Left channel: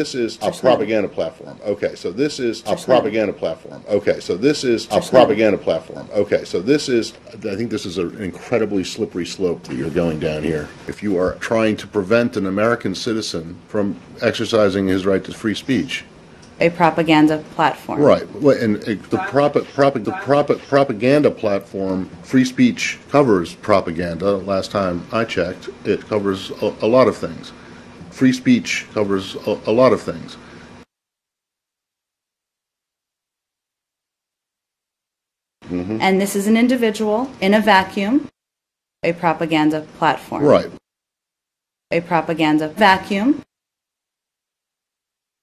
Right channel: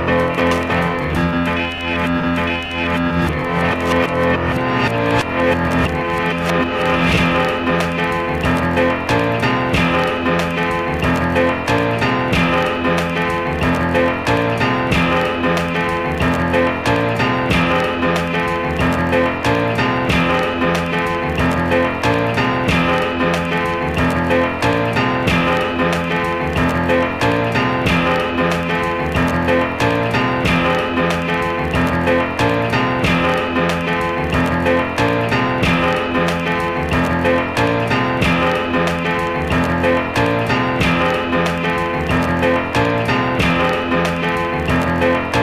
this is a propaganda platform. Okay, so this is a propaganda platform. Okay, so this is a propaganda platform. Okay, so this is, I think this is an incredibly slippery slope that you're going down here. If you are trying to prevent an American citizen from exercising his right to free speech. A propaganda platform. Right, and the propaganda platform, free speech covers propaganda. Last time I checked, it covers a lot of things. Free speech covers a lot of things. And this is an individual in a vacuum, a propaganda platform. Right. A propaganda vacuum.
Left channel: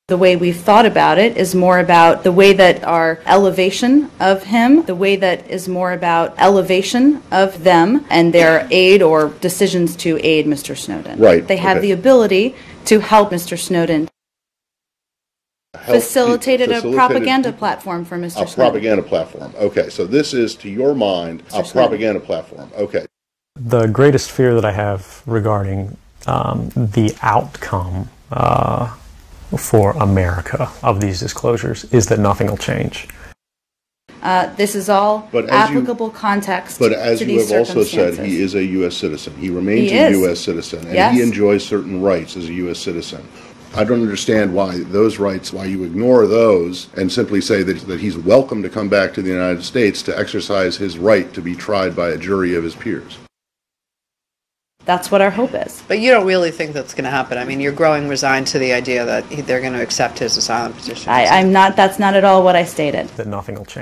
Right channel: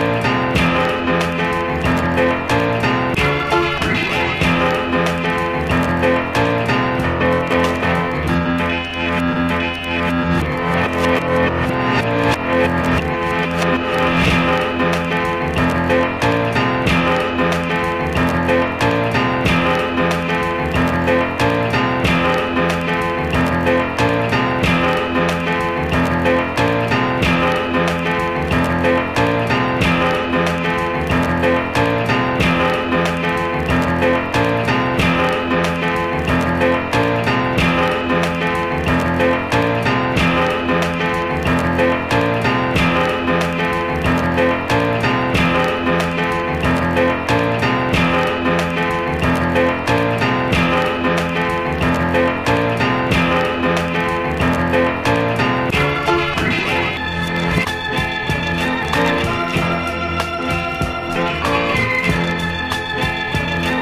The way we've thought about it is more about the way that our elevation of him, the way that is more about elevation of them and their aid or decisions to aid Mr. Snowden. Right. They have the ability to help Mr. Snowden. Facilitated a propaganda platform for Mr. Snowden. A propaganda platform. Okay, so this is, to your mind, a propaganda platform. Okay. The greatest fear that I have regarding the outcome for America of these disclosures is that nothing will change. This is all applicable context. But as you have also said, he is a U.S. citizen. He remains a U.S. citizen. Yes. And he enjoys certain rights as a U.S. citizen. I don't understand why those rights, why you ignore those and simply say that he's welcome to come back to the United States to exercise his right to be tried by a jury of his peers. That's what our hope is. But you don't really think that's going to happen. I mean, you're growing resigned to the idea that they're going to accept his asylum position. I'm not, that's not at all what I stated. That nothing will change.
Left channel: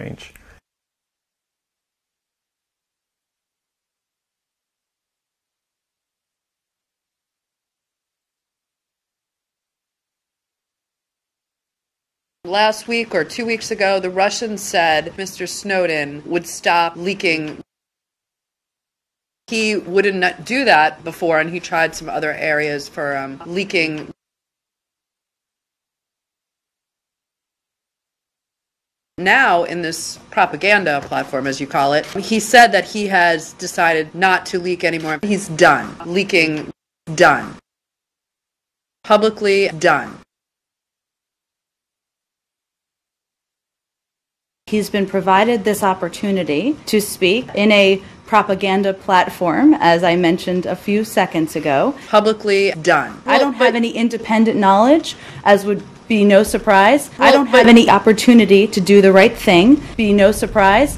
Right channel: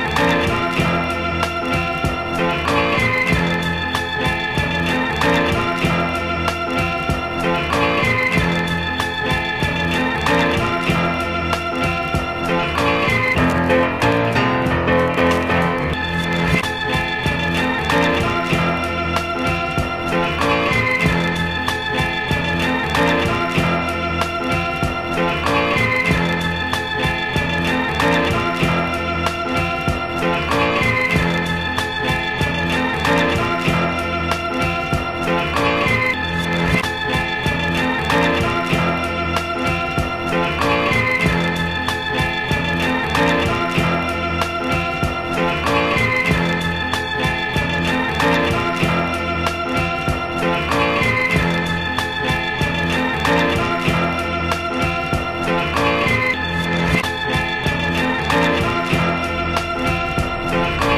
Last week or 2 weeks ago, the Russians said Mr. Snowden would stop leaking. He wouldn't do that before, and he tried some other areas for leaking. Now, in this propaganda platform, as you call it, he said that he has decided not to leak anymore. He's done. Leaking, done. Publicly, done. He's been provided this opportunity to speak in a propaganda platform, as I mentioned a few seconds ago. Publicly done. I don't have any independent knowledge, as would be no surprise. I don't have any opportunity to do the right thing, be no surprise.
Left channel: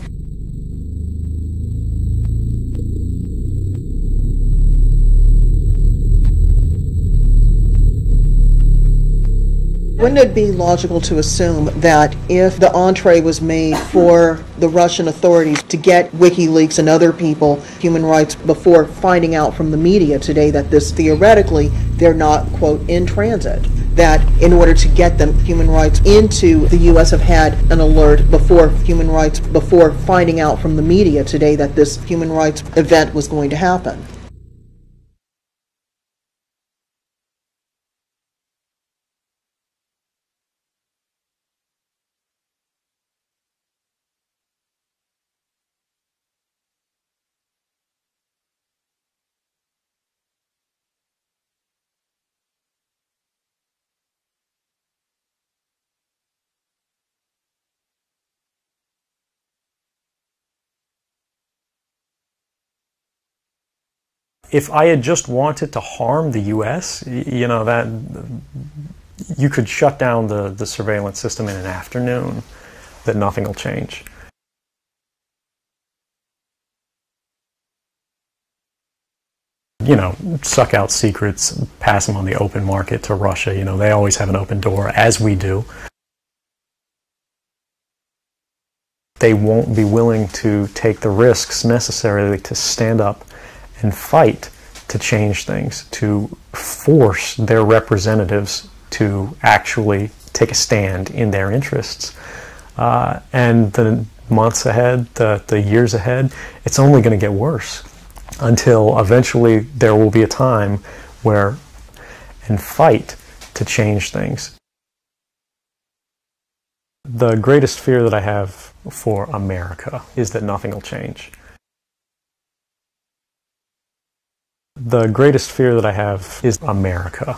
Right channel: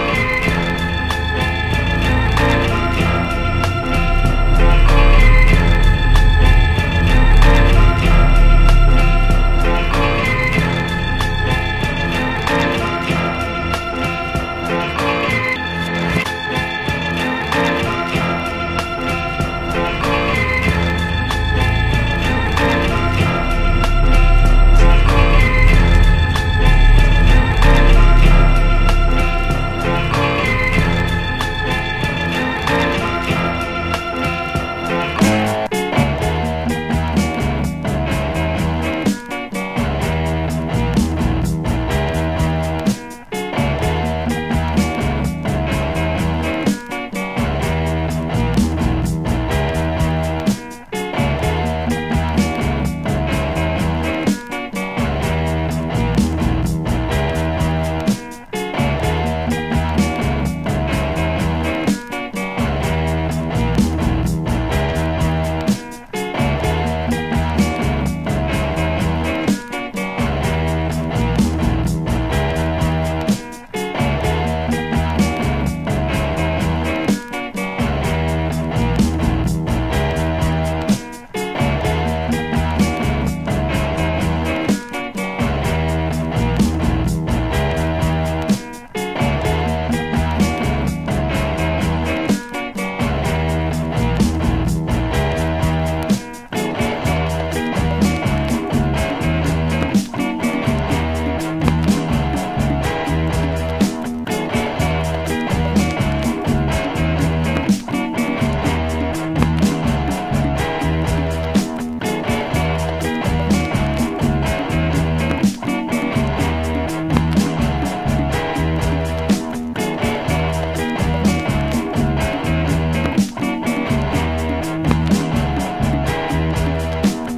Wouldn't it be logical to assume that if the entree was made for the Russian authorities to get WikiLeaks and other people human rights before finding out from the media today that this theoretically they're not, quote, in transit, that in order to get them human rights into the U.S. have had an alert before finding out from the media today that this human rights event was going to happen? If I had just wanted to harm the U.S., you know, that you could shut down the surveillance system in an afternoon, that nothing will change. You know, suck out secrets, passing on the open market to Russia, you know, they always have an open door, as we do. They won't be willing to take the risks necessarily to stand up and fight to change things, to force their representatives to actually take a stand in their interests. And the months ahead, the years ahead, it's only going to get worse until eventually there will be a time where you fight to change things. The greatest fear that I have for America is that nothing will change. The greatest fear that I have is America.